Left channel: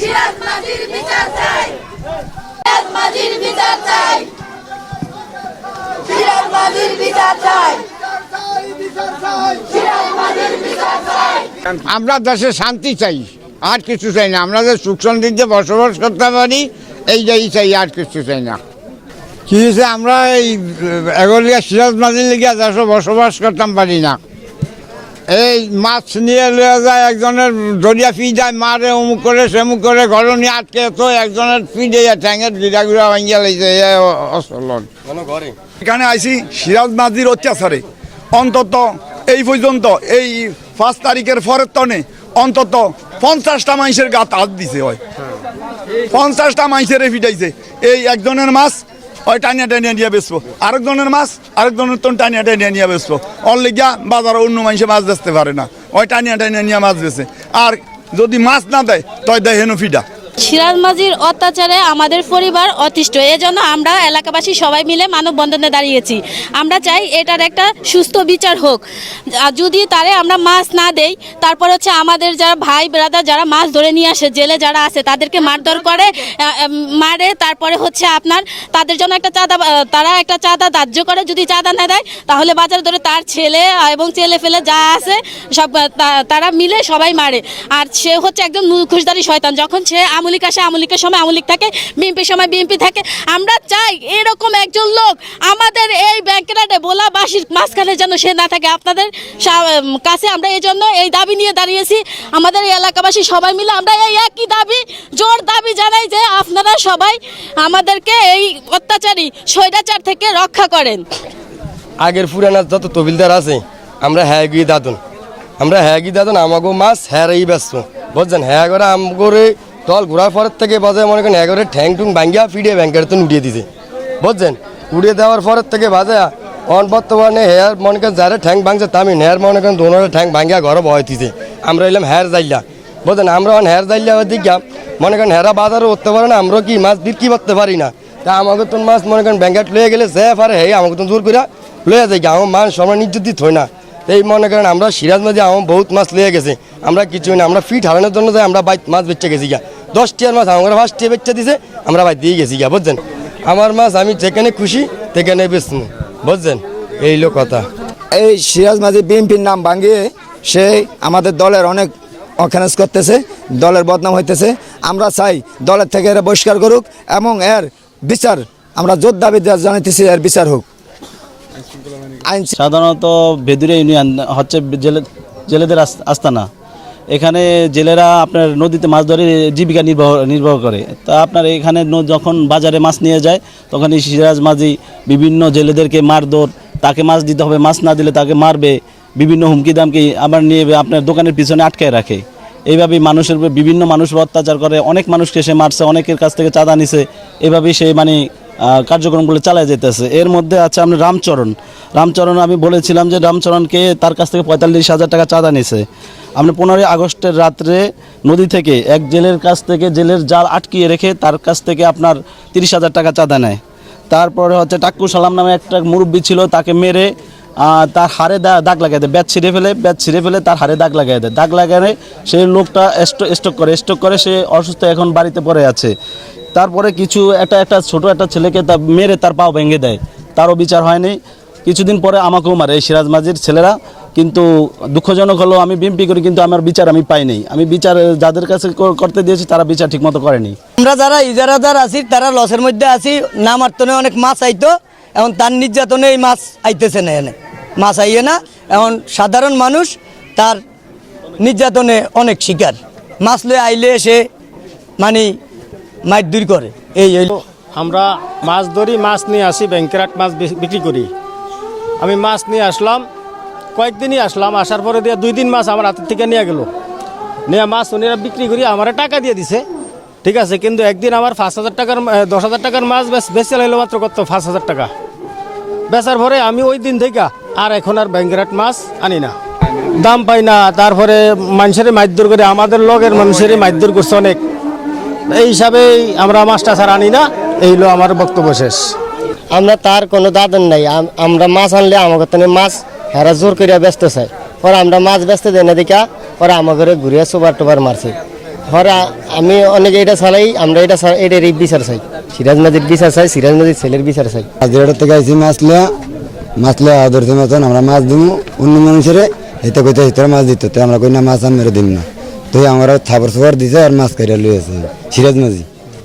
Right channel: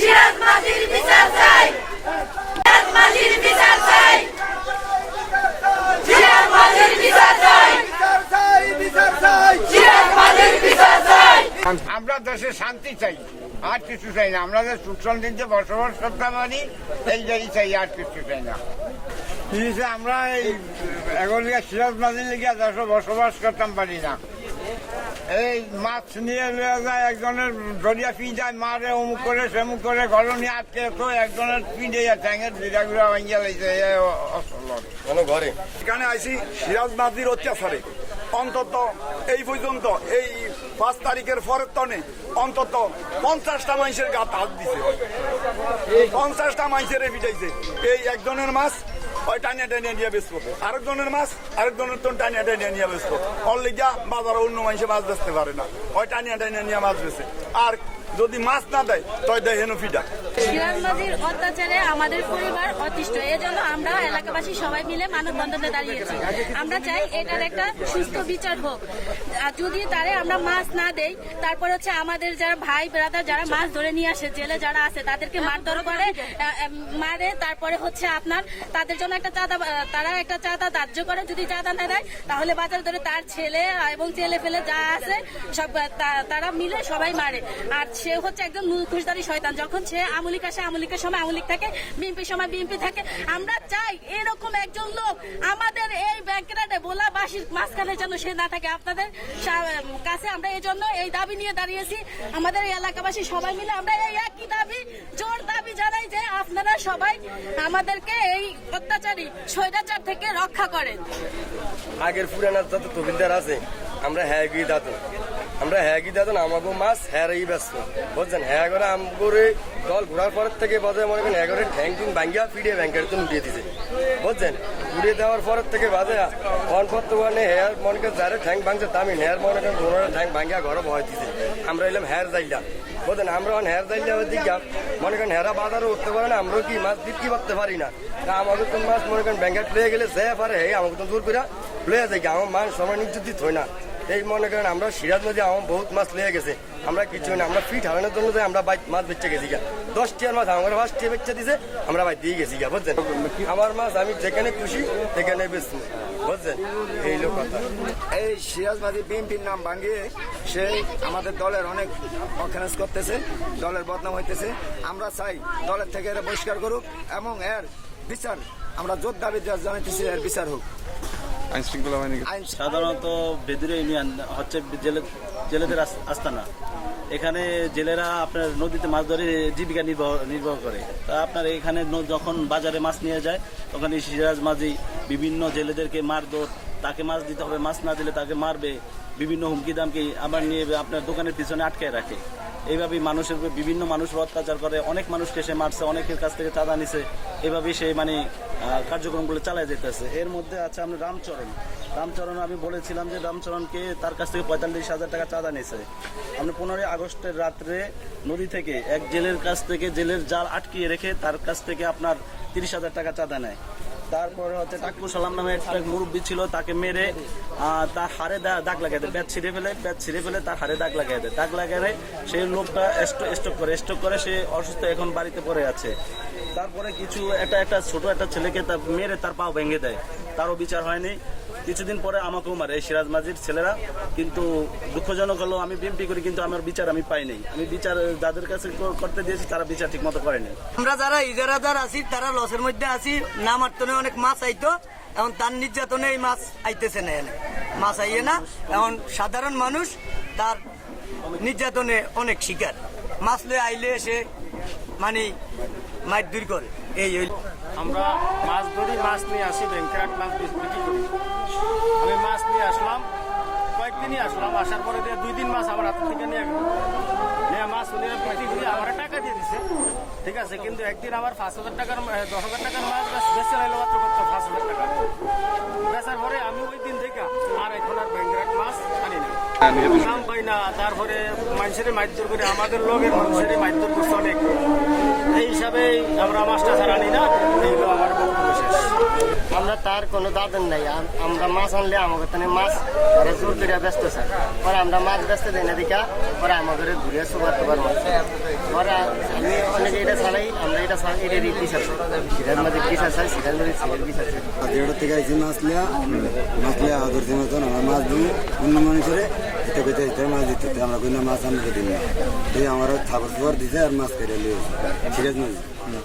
সিরাজ মাঝির বিচার চাই, সিরাজ মাঝির বিচার চাই, সিরাজ মাঝির বিচার চাই, সিরাজ মাঝির বিচার চাই। আমরা দেশে শান্তি চাই, আর কিছু চাই না। আমরা যে সুখ শান্তিতে বসবাস করতে পারি এইটাই চাই, আর কিছু চাই না। কি হয়েছে, আমরা এই এগলিয়া সিরাজ মাঝির লিগে দেশে বসবাস করতাম পারি না। এই মাছ নিয়ে লয়ে যায়, একজনের দরিয়া ফি যায়, মারে অমুক করে সেমুক করে, ঘর নিয়ে আটকে তো একজনের ফি দিয়ে ঠ্যাঙের গিরা গিরা ভাঙিয়া লাইছে। অসলন এখানে আইসি সিরাজ মাঝির অত্যাচারে অন্তত এই পর্যন্ত এই 5 তারিখের পরের তনে অন্তত 50টা মানুষের গাত হাত দিছে হয়, 50টা মানুষের ফিটাইছে। এই একজনের মাছ ওই টানিয়া টানিয়া নিয়ে বেসবো, আরেকজনের মাছ আরেকজনের তো টানিয়া টানিয়া নিয়ে বেসবো। ওর লিগা বাজারে অন্য মানুষে মাছ বেচতে পারে না, ওই টানিয়া টানিয়া নিয়ে মাছ বেছে। আর যদি মাছ না দেয় তয় দেয় হেন ফিডা। সিরাজ মাঝির অত্যাচারে আমাদের পরিবার অতিষ্ঠ, এজন্য আমরা এলাকাবাসী সবাই মিলে মানববন্ধনে দাঁড়িয়েছি। আমরা চাই এটার একটা সুস্থ বিচার হোক। আর যদি তারে আমরা মাছ না দেই, তারপর হচ্ছে আমাদের যারা ভাই ব্রাদার যারা মাছ ধরে নিয়ে আসে, জেলে যারা আছে তাদেরকে মারধর করে, মারে। তারপরে হচ্ছে আপনার তাদের জন্য একটা চাঁদা, তারা একটা চাঁদা ধার্য করে। যদি চাঁদা না দেয় তাহলে বাজার ধরে তার ছেলে এবং ছেলে ফেলে যা আছে সব তারা মিলে সবাই মারে। আর সে হচ্ছে একজন মুখোশধারী শয়তান। যখন সে আমলিক আসে, আমলিকের সময় আমলিক থাকে, বিএনপির সময় বিএনপি থাকে। আমরা চাই এরকম একজন লোক আমাদের এই ব্যাংকেরাটে বোলাবাসীর মাঝখানে যেন সে না থাকে। আপনাদের কাছে আমরা এই জন্য এই দাবি নিয়ে দাঁড়িয়েছি। আমাদের এই এলাকাবাসী সবাই মিলে আমরা এই একই দাবি, জোর দাবি জানাই যে আপনারা সবাই আমাদেরকে এই অত্যাচারী স্বৈরাচার থেকে রক্ষা করেন। আগের পুরানা যত তবিলদার আছে আমরা হ্যাঁ গিয়ে দাদন, আমরা হ্যাঁ গিয়ে দাদন আমাগো মাছ হ্যাঁ এই ব্যস্ত বুঝছেন। হ্যাঁ করে আমগরে দল ঘোরার পরের থেকে বাজে মনে করেন এগারে ঠ্যাং টুং ভাঙ্গিয়া ফিরিয়ে ব্যাংকের তো উঠিয়ে দিছে বুঝছেন। উড়িয়ে দেওয়ার পরের থেকে বাজে বর্তমানে হেয়ার মনে করেন যারা ঠ্যাং ভাঙছে তামি হেয়ার মনে করেন দোনোরে ঠ্যাং ভাঙ্গিয়া ঘরে বয় দিছে। আমরা এলাম হেয়ার জাইলা বুঝছেন। আমরা হেয়ার জাইলা দিকে মনে করেন হেরা বাজারে উঠতে পারে না, আমরা কি মাছ বিক্রি করতে পারি না। তা আমাকে তো মাছ মনে করেন ব্যাংকেট লয়ে গেলে সে পারে হে আমাকে তো জোর করে লয়ে যায় আমার মান সময় নির্যাত দিত হয় না। এই মনে করেন আমরা সিরাজ মাঝে আমার বহুত মাছ লয়ে গেছে, আমরা কিছু না, আমরা ফিট হারানোর জন্য যাই আমরা বাইক মাছ বেচে গেছি গা। 10টিয়ার মাছ আমার 5টিয়া বেচে দিছে, আমরা বাইক দিয়ে গেছি গা বুঝছেন। আমার মাছ আমি যেখানে খুশি সেখানে বেচবো বুঝছেন, এই লোক কথা। এই সিরাজ মাঝি বিএনপির নাম ভাঙিয়ে সে আমাদের দলের অনেক অখানেজ করতেছে, দলের বদনাম হইতেছে। আমরা চাই দলের থেকে এরা বহিষ্কার করুক এবং এর বিচার আমরা জোর দাবি জানাইতেছি, এর বিচার হোক। সাধারণত বেদুরিয়া ইউনিয়ন হচ্ছে জেলেদের আস্তানা। এখানে জেলেরা আপনার নদীতে মাছ ধরে জীবিকা নির্বাহ করে। তা আপনার এখানে যখন বাজারে মাছ নিয়ে যায় তখন এই সিরাজ মাঝি বিভিন্ন জেলেদেরকে মারধর, তাকে মাছ দিতে হবে, মাছ না দিলে তাকে মারবে, বিভিন্ন হুমকি দামকি আবার নিয়ে আপনার দোকানের পিছনে আটকায় রাখে। এইভাবেই মানুষের বিভিন্ন মানুষের অত্যাচার করে, অনেক মানুষকে সে মারছে, অনেকের কাছ থেকে চাঁদা নিছে। এইভাবেই সেই কার্যক্রমগুলো চালায় যেতেছে। এর মধ্যে আছে আপনার রামচরণ আমি বলেছিলাম যে রামচরণকে তার কাছ থেকে 45,000 টাকা চাঁদা নিছে। আপনি 15 আগস্টের রাত্রে নদী থেকে এক জেলের কাছ থেকে জেলের জাল আটকিয়ে রেখে তার কাছ থেকে আপনার 30,000 টাকা চাঁদা নেয়। তারপরে হচ্ছে টাক্কু সালাম নামে একটা মুরব্বী ছিল, তাকে মেরে তার হাড়ে দাগ লাগাই দেয়, ব্যাট ছিঁড়ে ফেলে তার হাড়ে দাগ লাগাই দেয়। দাগ লাগালে সেই লোকটা স্ট্রোক করে সে অসুস্থ, এখন বাড়িতে পড়ে আছে। তারপরে একটা ছোট একটা ছেলেকে মেরে তার পাও ভেঙে দেয়, তারও বিচার হয়নি। কিছুদিন পরে আমাকেও মারে এই সিরাজ মাঝির ছেলেরা। কিন্তু দুঃখজনক হলো আমি বিএমপি করি কিন্তু আমার বিচার আমি পাইনি। আমি বিচার যাদের কাছে করতে দিয়েছি তারা বিচার ঠিকমতো করেনি। আমরা যারা ইজারাদার আছি তারা লসের মধ্যে আছি। না মারতনে অনেক মাছ আইতো, এখন তার নির্যাতনে এই মাছ আইতেছে না, এনে মাছ আইয়ে না। এখন সাধারণ মানুষ তার নির্যাতনে অনেক শিকার। মাছ লয়ে আইলে এসে মাছ দূর করে। আমরা মাছ ধরি, মাছ নিয়ে আসি, ব্যাংকেরাট মাছ বিক্রি করি। আমি মাছ নিয়ে আসলাম, কয়েকদিনই আসলাম, আসার পরে দিয়ে 2 দিন মাছ আমার হাতের থেকে নিয়ে গেল। নিয়ে মাছ ওনারা বিক্রি করি আমার টাকা দিয়ে দিছে, ঠিক আছে। কিন্তু একদিন আমার 5,000 টাকার 10,000 টাকার মাছ বেচে লাইলো মাত্র কত 5,000 টাকা। বেচার পরে আমি ওই দিন থেকে আর এখন আর ব্যাংকেরাট মাছ আনি না, দাম পাই না। তারপরে মানুষের মারধর করে, আমাদের লগের মানুষেরই মারধর করছে অনেক। এই হিসাবেই আমরা মাছটা ছাড়া আনি না। এই হলো আমার বক্তব্য শেষ। আমরা তার কোনো দাদন নাই, আমরা মাছ আনলে আমাকে তো মাছ হেরা জোর করিয়া ব্যস্ত চাই। পরে আমরা মাছ ব্যস্ত দেয় না দেখা পরে আমার ঘরে ঘুরিয়ে সুবার টুবার মারছে। ঘরে আমি অনেকে এটা চালাই, আমরা এটার বিচার চাই, সিরাজ মাঝির বিচার চাই, সিরাজ মাঝির ছেলের বিচার চাই। হাজিরাটা থেকে আইসি মাছলে ধরতে মতন আমরা মাছ দিব অন্য মানুষের হিতে কইতে হিতে মাছ দিত, তো আমরা কই না মাছ আমি দিন না, তো আমরা থাবর সাবর দিছে আর মাছ কাইরা লইছে সিরাজ মাঝি।